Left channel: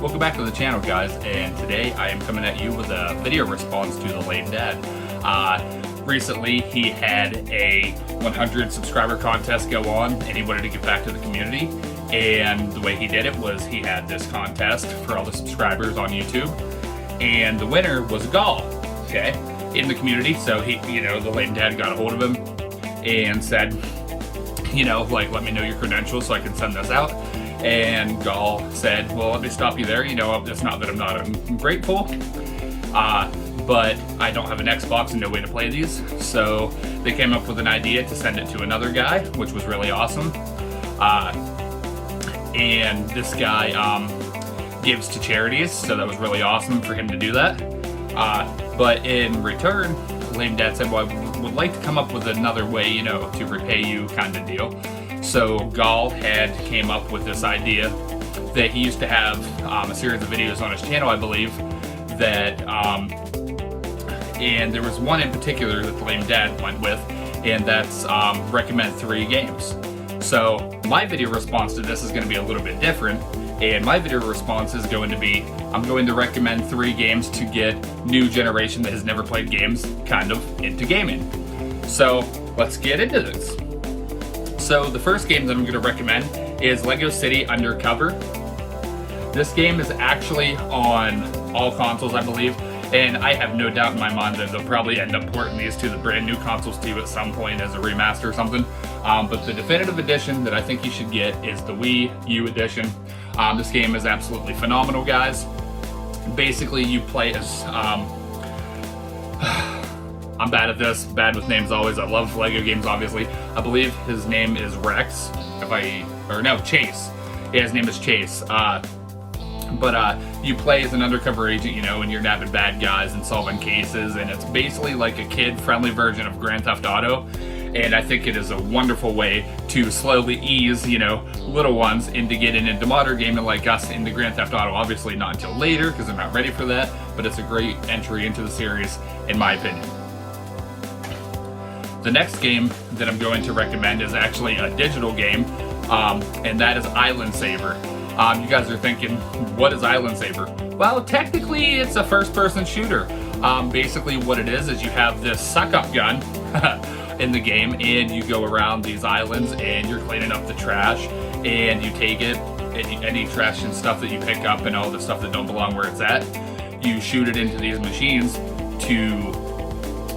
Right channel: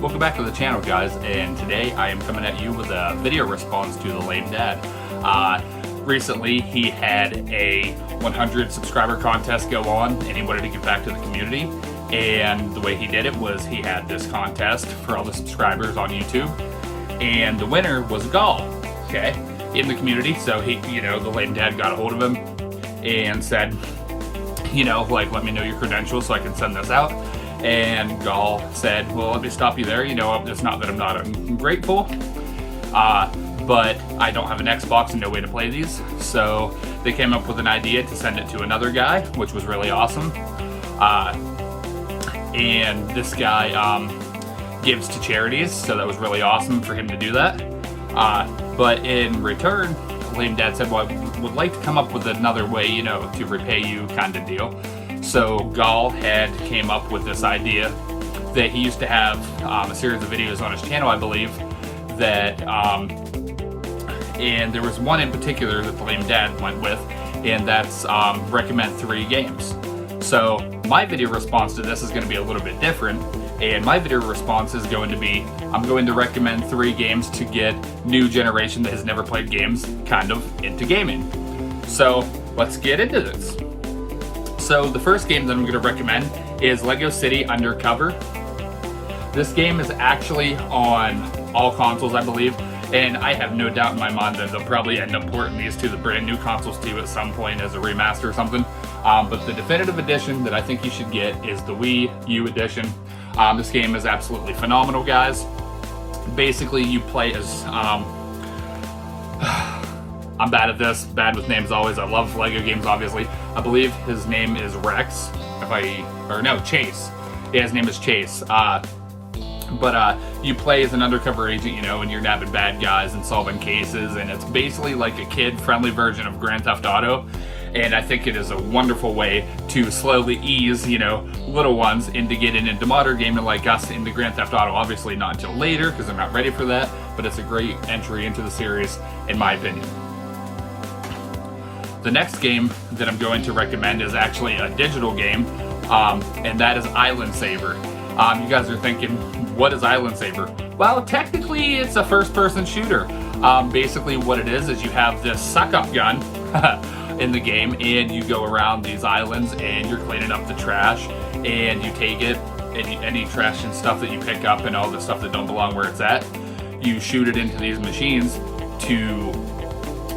Welcome back to the channel, guys, and today I am coming at you with a video response to the Lame Dad. Recently he had a 100 subscriber contest go on and he wanted to give back to the community, and the way he did it was he had this contest for all the subscribers on YouTube, and the winner was Gull, okay, in the community. So he, the Lame Dad got a hold of him and said, let me know your credentials so I can send this out. And Gull said, well, let me stop you there. It's not that I'm not ungrateful, but I don't have an Xbox and no way to play these. So they came up with an idea to send it to another guy, which was really awesome. And this guy gives to charities, so that was really awesome for him to do that. But in return, Lame Dad said, well, I would like to come up with another way, to repay you kind of deal. So Gull came up with this idea that he used to have a series of videos on his channel, I believe, that, and there was one in particular that the Lame Dad went with, and that's recommend 3 games. So my video response to this is going to be a little bit different, and my video response is going to be, I'm going to recommend 3 games to get new generation that has never played games kind of into gaming. So let's get into this. So the first game that I'm going to recommend is Lego City Undercover. This game is actually on all consoles, I believe, and I have no doubt in my mind that they'll probably end up porting these to the brand new consoles too at some point as a remaster or something. But the definitive edition that I think you should get is the Wii U edition. This game is absolutely phenomenal, guys. Basically, you play as... I'm bad at this, bad with names always. I love Lego games, obviously. I believe his name is Rex, Chase. Yeah, his name is Chase. But you play as an undercover agent, and you're nabbing bad guys and solving cases, and it's basically like a kid-friendly version of Grand Theft Auto. And I think it is a wonderful way to slowly ease, little ones into getting into modern gaming like us into Grand Theft Auto. Obviously not until later, because they're not ready for that, but it's a great entry into the series, in my opinion. The next game that I'm going to recommend is actually a digital game, and that is Island Saver. You guys are thinking, what is Island Saver? Well, technically it's a first-person shooter. Basically what it is you have this suck-up gun in the game, and you go around these islands and you're cleaning up the trash, and you take it, and any trash and stuff that you pick up and all the stuff that don't belong where it's at, you shoot it into these machines to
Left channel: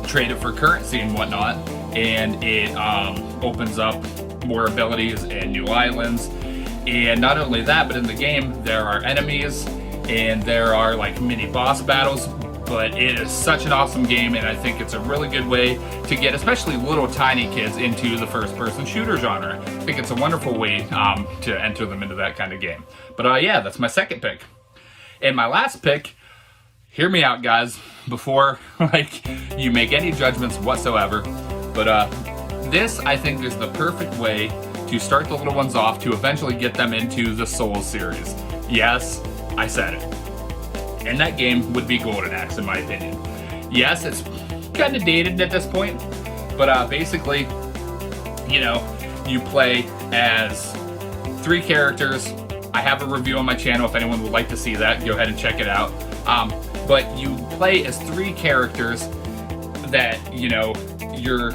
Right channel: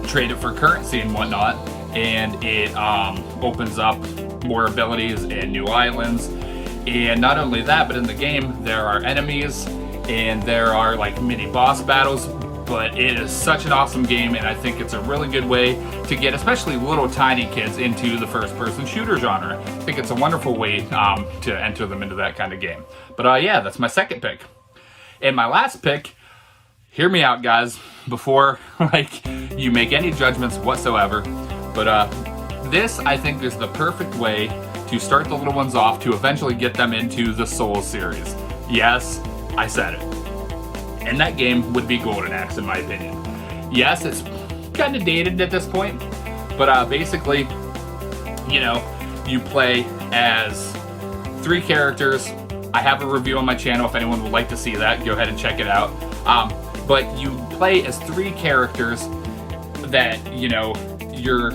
trade it for currency and whatnot, and it opens up more abilities and new islands. And not only that, but in the game there are enemies and there are like mini boss battles. But it is such an awesome game, and I think it's a really good way to get especially little tiny kids into the first-person shooter genre. I think it's a wonderful way to enter them into that kind of game. But yeah, that's my second pick. And my last pick, hear me out, guys, before you make any judgments whatsoever. But this, I think, is the perfect way to start the little ones off to eventually get them into the Souls series. Yes, I said it. And that game would be Golden Axe, in my opinion. Yes, it's kind of dated at this point, but basically, you play as 3 characters. I have a review on my channel. If anyone would like to see that, go ahead and check it out. But you play as 3 characters that, you're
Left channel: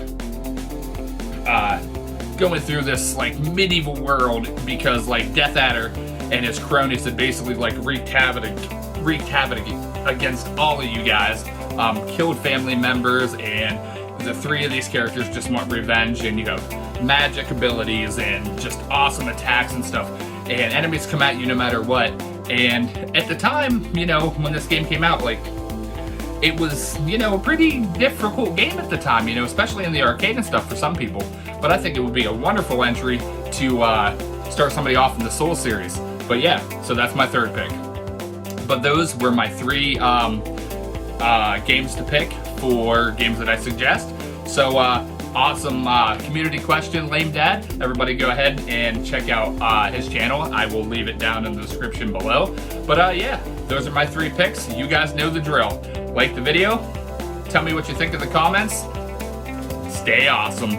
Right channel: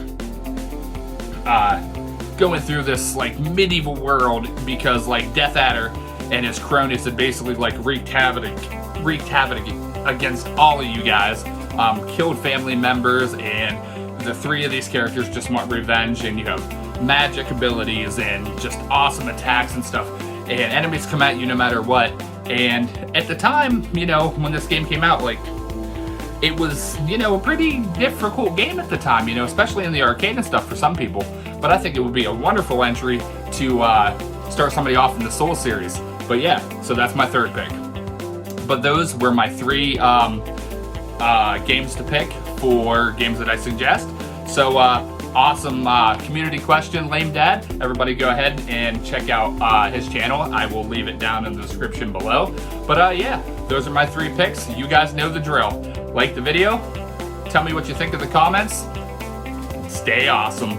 going through this medieval world, because Death Adder and his cronies had basically wreaked havoc against all of you guys, killed family members, and the 3 of these characters just want revenge, and you have magic abilities and just awesome attacks and stuff, and enemies come at you no matter what. And at the time, when this game came out, it was, a pretty difficult game at the time, especially in the arcade and stuff for some people. But I think it would be a wonderful entry to start somebody off in the Soul series. But yeah, so that's my third pick. But those were my 3 games to pick for games that I suggest. So awesome community question, Lame Dad. Everybody go ahead and check out his channel. I will leave it down in the description below. But yeah, those are my 3 picks. You guys know the drill. Like the video, tell me what you think in the comments. Stay awesome.